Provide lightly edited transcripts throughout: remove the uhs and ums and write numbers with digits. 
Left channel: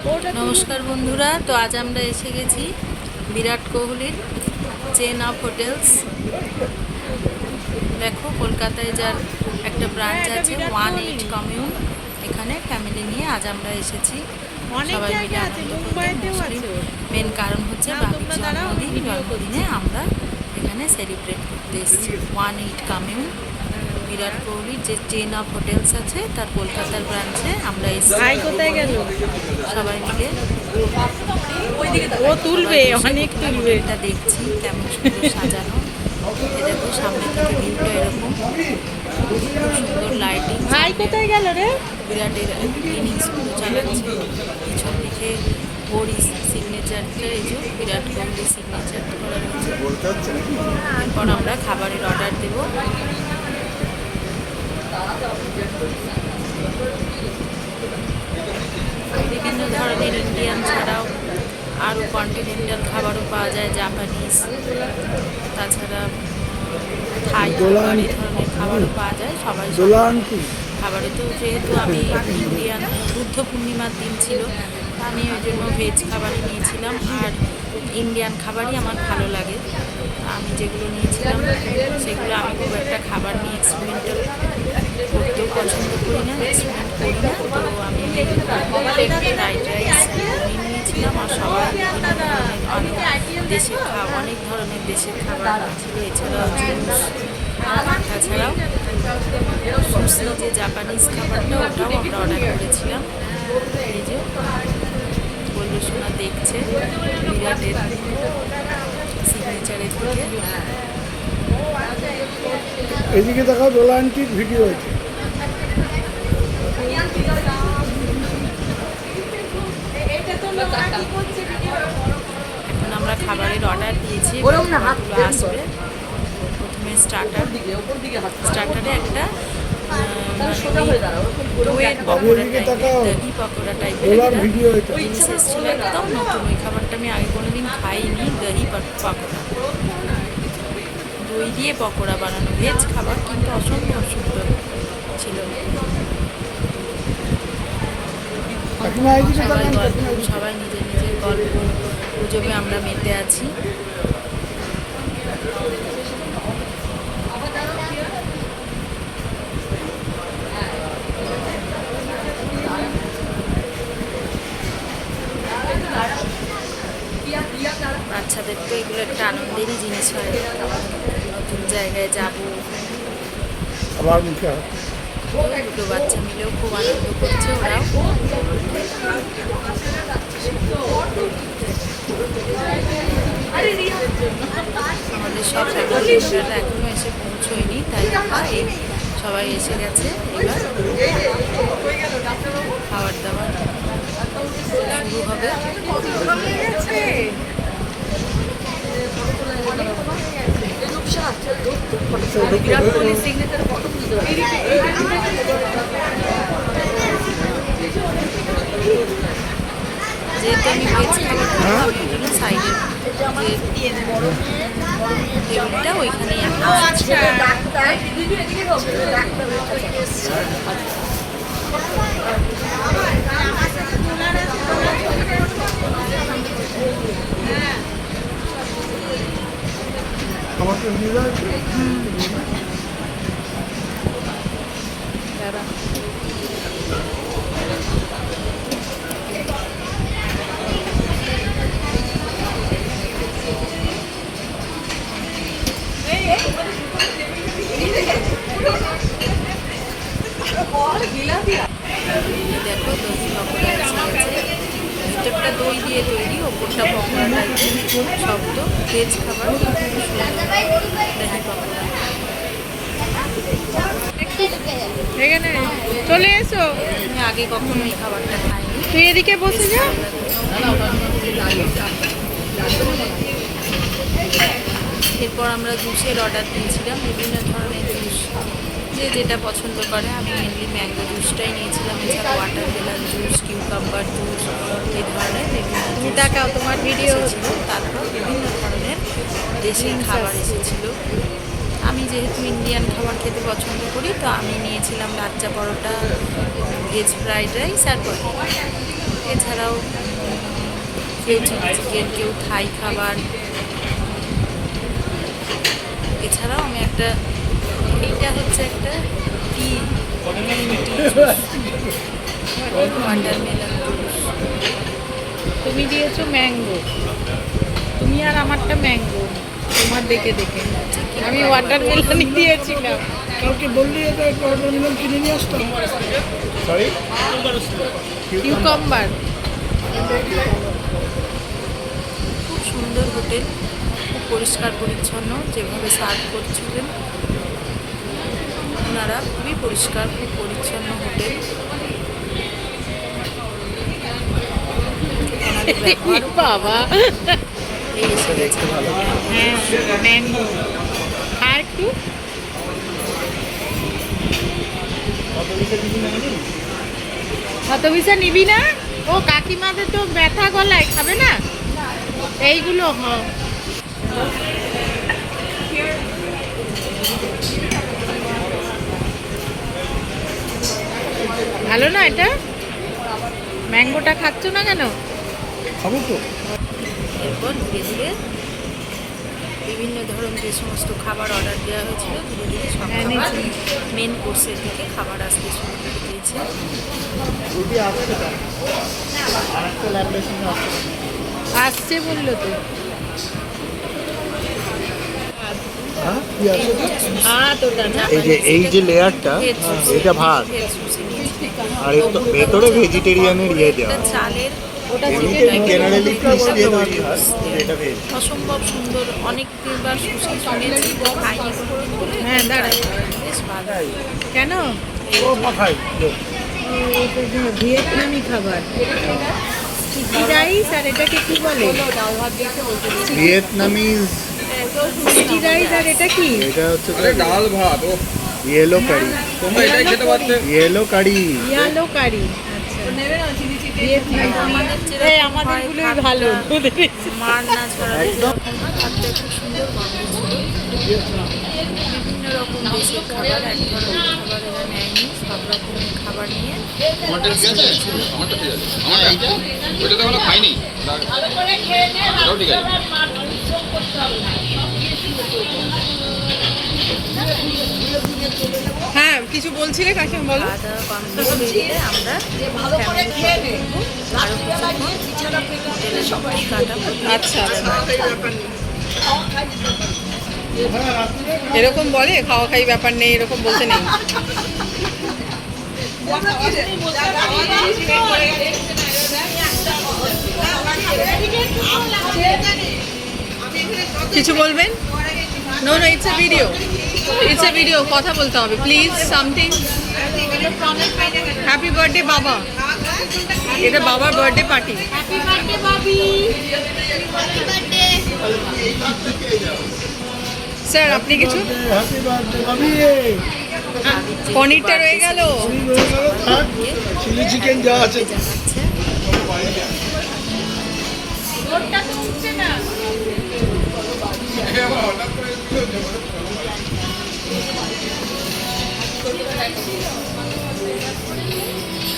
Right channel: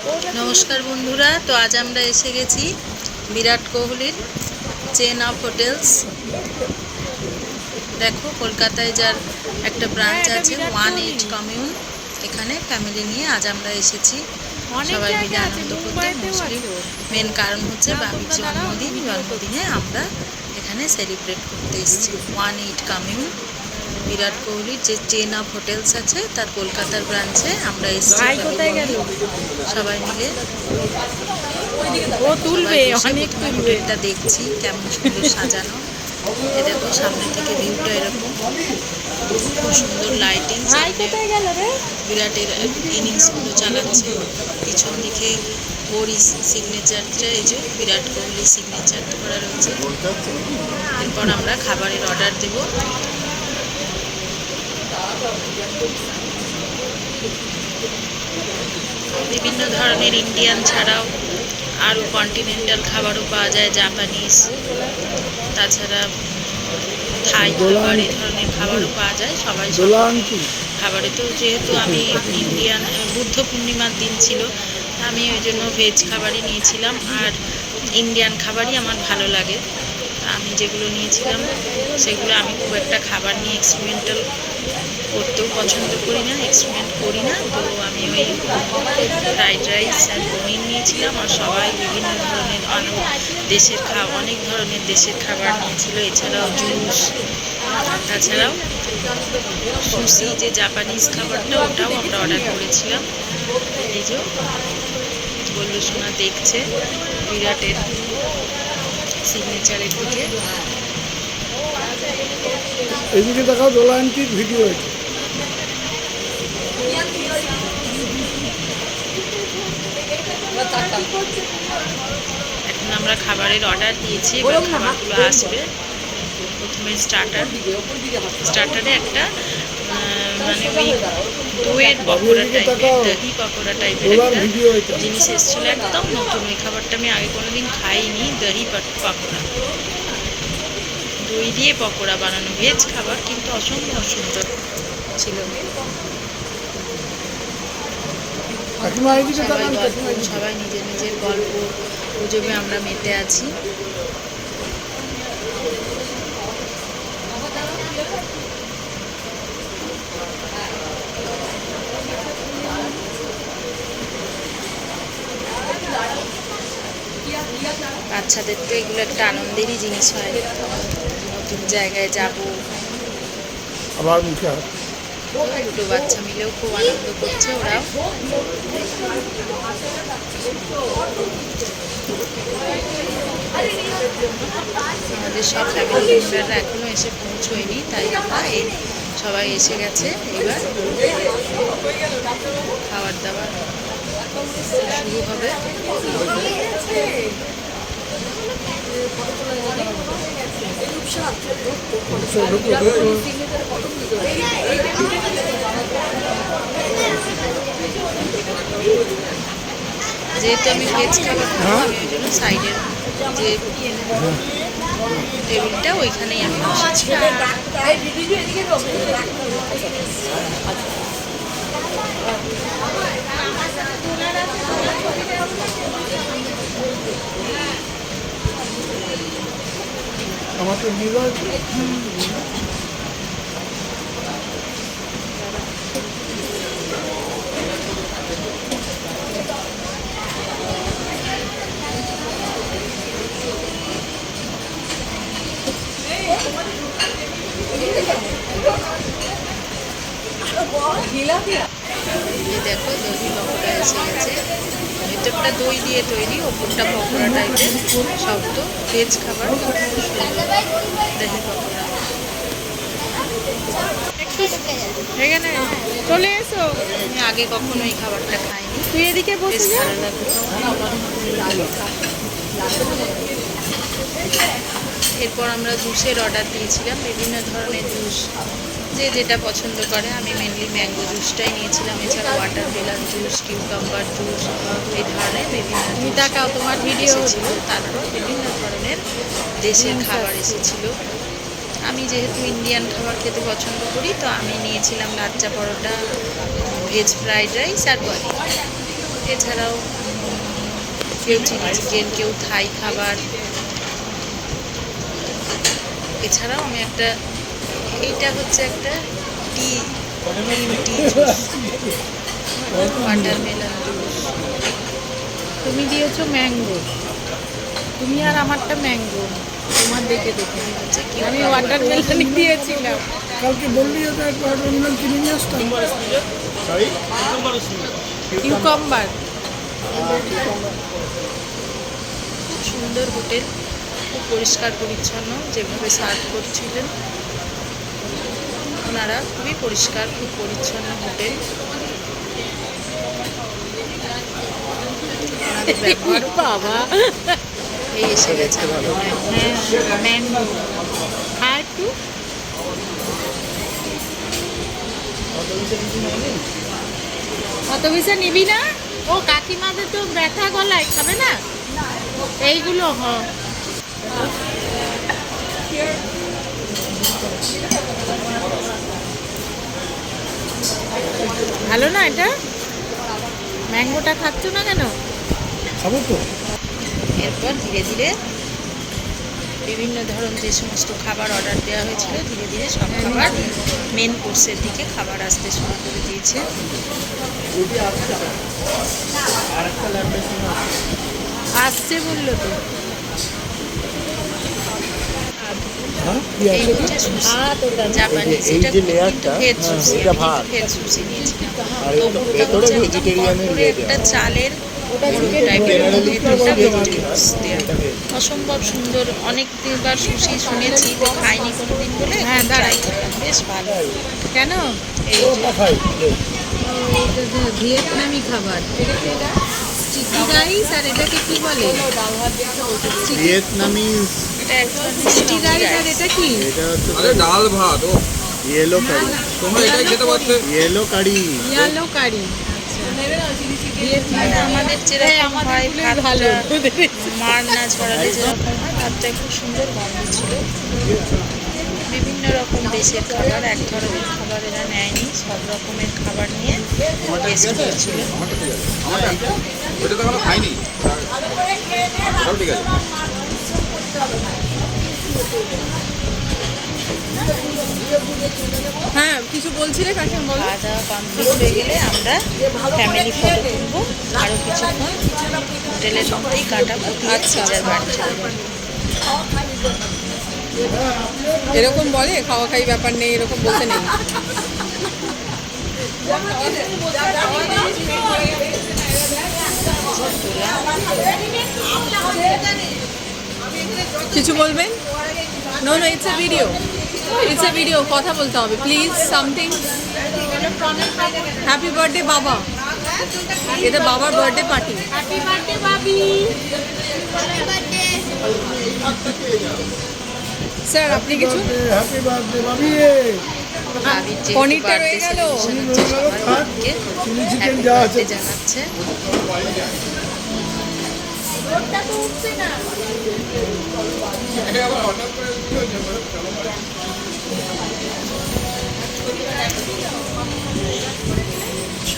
নমস্কার বন্ধুরা, তো আজ আমরা এসে গেছি বিরাট কোহলির চেন অফ হোটেলস। দেখো, কলকাতায় যার একটা ব্রাঞ্চ আছে 18 কমিউন, এখানে ফ্যামিলি নিয়ে আজ আমরা এসেছি সবাই মিলে আনন্দ করতে। মুসলিম মেন কারণ হচ্ছে বাবির জন্মদিনে আমরা এখানে সেলিব্রেট করতে এসেছি। 18 কমিউন বিরাট কোহলির যে চেন অফ হোটেলস আছে তার কলকাতার ব্রাঞ্চে আমরা এসেছি সবাই মিলে। ও তুলবে, অনেক তুলবে। হোটেলটা দেখছি কেমন সুন্দর সাজানো। এ দেখো, সামনে থেকে ভিউটা এরকম, খুব সুন্দর লাইটিং। বিরাটের ইনিংসগুলো চালাচ্ছে, পিছন দিকে ওরই সিগনেচারটা, এই যে বিরাট কোহলি সিগনেচার করা রয়েছে। এরপর আমরা খাবারের অর্ডার দেব। বিভিন্ন ধরনের ইন্ডিয়ান ছাড়াও আরও কন্টিনেন্টাল খাবারও পাওয়া যায়, জাপানিজ, তাছাড়া থাই খাবার, এই ধরনের খাবারও পাওয়া যায়। সবাই খাবারে তো, যেহেতু আমি ইন্ডিয়ান, বুদ্ধ পূর্ণিমার দিন ছিল, আমি ওই জন্য ভেজ খাবারই নিয়েছিলাম। আর ইন্ডিয়ান খাবারই আমার ভালো লাগে। আমি যেগুলো নিয়েছিলাম সেগুলো, আমি খুব একটা খাবার নিয়ে এক্সপেরিমেন্টাল করতেও পছন্দ করি না, এক্সপেরিমেন্ট করি না। তো আমি ওই ফ্রাইড রাইস আর পনির নিয়েছিলাম। আর সবাই বিভিন্ন ধরনের অনেক ধরনের দেশের খাবার নিয়েছিল, এছাড়াও জুস, তাছাড়াও সুশি, যে জাপানিজ খাবারটা, ওটাও আমরা অর্ডার করেছিলাম। এই যে বললু সোনা দেখছে বিরাটের সিগনেচারের দিকে। এদিকে দেখাও, দোলা আন্টির ভিডিও আছে। এখন আমরা খাবারের অর্ডার দিয়েছি, খাবারগুলো আসবে। প্রথমে স্টার্টারে একটা মানে ওই দইয়ের পকোড়া টাইপের, দহি পকোড়া টাইপের একটা জিনিস এসেছিলো, একদম নতুন। ওই খাবারটা আমি আগে কোনোদিন খাইনি। দহি পকোড়া, দই দিয়ে পকোড়া বানানো, ভেজ খাবার, কিন্তু অসম্ভব সুন্দর ছিল। সবাই নিজের নিজের গল্প গুজবে আমরা মেতে আছি। বাচ্চাদের তো এগুলো একটা আনন্দেরই জিনিস হয়, নতুন জায়গায় যাব। আবার মুখে হাত। দুটো বাচ্চা মিলেও খুব আনন্দ করছে ওরাও। আমাদের সব ফ্যামিলি মেম্বাররা এখনো এসে পৌঁছয়নি, তাই সবাই এসে গেছে। এবার খাবার দাবার শুরু হবে। যেহেতু আমি ভেজ খাবার খাবো, ওই জন্য সাইডের যে টেবিলটা, ওইখানেই আমি বসেছি। আমাকে নিয়ে যাচ্ছে। দেখো, দহি পকোড়া এসে গেছে। ভেতরটা দই দিয়ে তৈরি, ওপরটা পকোড়া টাইপের শক্ত ভেজ খাবার, দহি পকোড়া। এখানে চলে এসো, আমি আগে কখনো এই খাবারটা খাইনি। তুই এদিকে বসে যা। এরপর আমরা জুসের অর্ডার দিয়েছিলাম, বিভিন্ন ধরনের জুস, যে যেটা পছন্দ করে। আমি মেনলি ম্যাঙ্গো জুসটাই নিয়েছিলাম, এছাড়া ওয়াটারমেলন জুস, কিউকাম্বার জুস, এই ধরনের বিভিন্ন তাকাও, তোমার ভিডিও ছিল। তারপর বিভিন্ন ধরনের দেশি খাবার এসেছিল। আমি যেহেতু ইন্ডিয়ান খাবার খেতে পছন্দ করি, তো আমি নিয়েছিলাম lachha paratha, veg fried rice আর পনির। এছাড়াও কেউ চিলি চিকেন, কেউ থাই খাবার। এছাড়াও আমি এইটা হচ্ছে একটা টি ওয়াটারমেলন জুস। তুমি দিয়েছো ম্যাঙ্গো, তুমি আর আমারটা ম্যাঙ্গো, তোমার দেখে দেখে আমি ওয়াটারমেলনই দিয়েছিলাম। কালকে বললি ওটা একটা ওয়াটারমেলন কিনে নিয়ে আসতাম। কিউকাম্বার। খুব সুন্দর হোটেল, খুব পরিষ্কার পরিচ্ছন্ন। যেভাবে সার্ভ করছিলেন ওনারা, খুবই পরিষ্কার, খুব পরিচ্ছন্ন হোটেল। ওনাদের ব্যবহারও বাবা হয়ে এসে গেছে আমাদের হ্যাঁ ম্যাঙ্গো। আর একটু অত বিষয় নিবি না? ও কাকিমাদের তো ব্যথা গলায়, খাবে না এইগুলো? ভালো না এটা? ম্যাঙ্গোটা খাচ্ছ না কেন? খাবো তো। এরপর ধীরে ধীরে বিভিন্ন ধরনের যে সমস্ত খাবার অর্ডার দেওয়া হয়েছিল, ধীরে ধীরে সব হ্যাঁ, খাবার নিয়েছি। মেন কোর্সের দিকে খাবার আসতে শুরু করে দিয়েছে। আসছে বললো তো। হ্যাঁ কি এই আছে? হচ্ছে sushi, ভাত ওটা না? জাপানিজ। এই যে এটা লেয়ারটা, veg sushi, এটা আমি ভাত। veg sushi নিয়েছিলাম। আর এর ওপরটা ভেতরে হচ্ছে একদম vegetarian-এর ভরপুরে ইয়ে একটা দেওয়া। চালের ওটা মোড়ক chicken টাইপের generally ভেতরটা veg vegetables দেওয়া। এটা veg। অসম্ভব সুন্দর। অনেকবার সুশি শুনেছি, তো খাইনি কোনোদিন বলে হ্যাঁ, দাঁড়াও। ট্রাই করলাম, বেশ ভালো। কেন? এই ও মাথায় লোক। ভিয়েতনামি খাবার, চিকি রাইস। আর এটাকে কি বলে? ভিয়েতনামি। এটা একদম চিকি রাইস। আর এটা কি? এটা তো আরে ডাল ভাত ও ইয়েলো কারি। তোমরা এটাই খেতে পারতে। ইয়েলো কারি। ইয়ালো কারি। আচ্ছা, ভিয়েতনাম। আমাদের এই যেরকম আমাদের হয় গুলোই ভালো। ভাতটা মার না ছড়ালে যেরকম হয়, ভাতটা খুব সুন্দর গন্ধ ছিল। বিভিন্ন রকম দেশের খাবার, এক ধরনের খাবার এরা নেয়নি, সব রকমের খাবার নিয়ে টেস্ট করেছিল। আমারটা ঠিক আছে, আমারটা ওইটা তো আমরা খাইনি, ওটাও ঠিক আছে। হ্যাঁ, কিছু বলছিলে কাকিমা, বলো। খাওয়া দাওয়া কমপ্লিট হয়ে গেলে আমরা ফ্যামিলি ফটো তুলবো, আরও কিছুক্ষণ হোটেলের মধ্যেই কাটাবো। আচ্ছা, যে যার বাড়ি চলে যাবো। এরকম বলে খাওয়া খাই ব্যাপার নেই, এরকম বলতে নেই। কিছু বলবেন? No no, it's a video, it's a video. কথা বলতে হবে প্লিজ, সামথিং। হ্যাপি বার্থডে বাবা। এটা বাবার বার্থডে পার্টি। হ্যাপি বার্থডে বাবি। স্যার আপনি কিছু? হ্যাপি বার্থডে বাবি। ভাবির যেহেতু পনিরটা রয়ে birthday গেল। celebration হচ্ছে, সবার ভাবিকে চিলি চিকেন happy যা আছে। birthday জানাচ্ছে।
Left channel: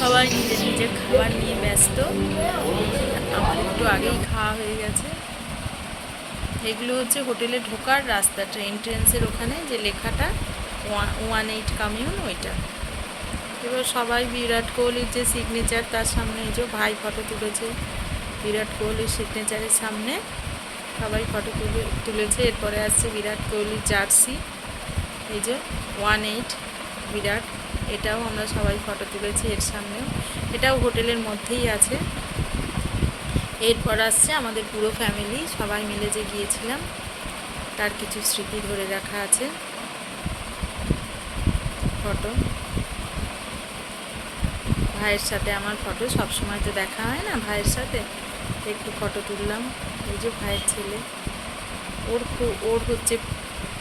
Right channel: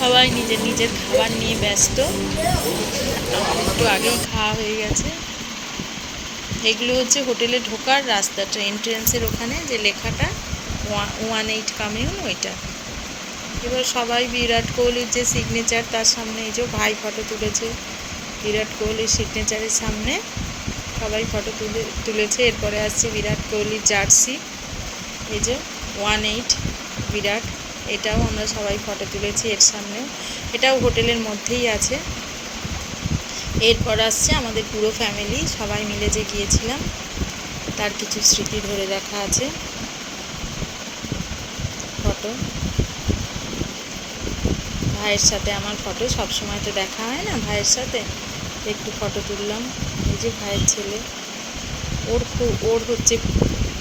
সবাই নিজের নিজের খাবার নিয়ে ব্যস্ত। আমার একটু আগেই খাওয়া হয়ে গেছে। এগুলো হচ্ছে হোটেলে ঢোকার রাস্তাটা, এন্ট্রেন্সের ওখানে যে লেখাটা 18 কামিউন, ওইটা। এবার সবাই বিরাট কোহলির যে সিগনেচার, তার সামনে এই যে ভাই ফটো তুলেছে বিরাট কোহলির সিগনেচারের সামনে, সবাই ফটো তুলেছে। এরপরে আসছে বিরাট কোহলির জার্সি, এই যে 18 বিরাট, এটাও আমরা সবাই ফটো তুলেছি এর সামনেও। এটাও হোটেলের মধ্যেই আছে। এরপর আসছে আমাদের পুরো ফ্যামিলি, সবাই মিলে যে গিয়েছিলাম তার কিছু স্মৃতি ধরে রাখা আছে ফটো। ভাইয়ের সাথে আমার ফটো, সব সময় তো দেখা হয় না ভাইয়ের সাথে, একটু ফটো তুললাম। এই যে ভাইয়ের ছেলে, ওর হচ্ছে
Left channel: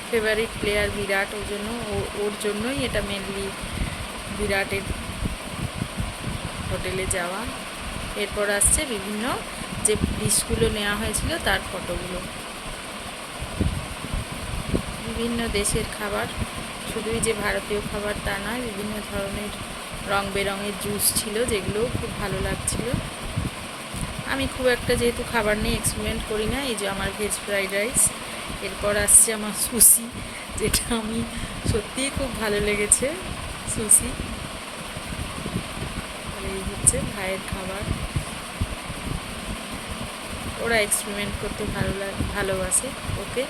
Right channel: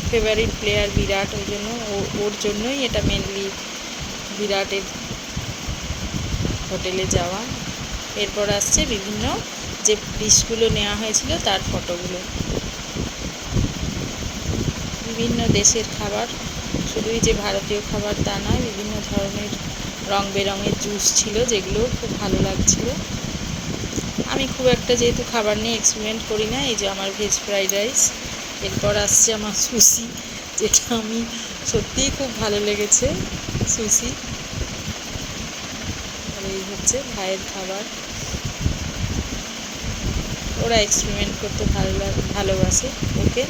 ফেভারিট প্লেয়ার বিরাট, ওই জন্য ওর জন্যই এটা মেনলি বিরাটের হোটেলে যাওয়া। এরপর আসছে বিভিন্ন যে ডিশগুলো নেওয়া হয়েছিল তার ফটোগুলো। বিভিন্ন দেশের খাবার, শুধুই যে ভারতীয় খাবার তা নয়, বিভিন্ন ধরনের রং বেরঙের জুস ছিল, যেগুলো খুব ভালো লাগছিল। আমি খুব একটা যেহেতু খাবার নিয়ে এক্সপেরিমেন্ট করি না, এই যে আমার ভেজ ফ্রাইড রাইস, এরপর আসছে আমার সুশি, যেটা আমি সত্যিই খুব ভালো লেগেছে সুশি। আর এই হচ্ছে ভাইয়ের খাবার। ওরা এক্সপেরিমেন্ট করতে ভালোবাসে। ওকে।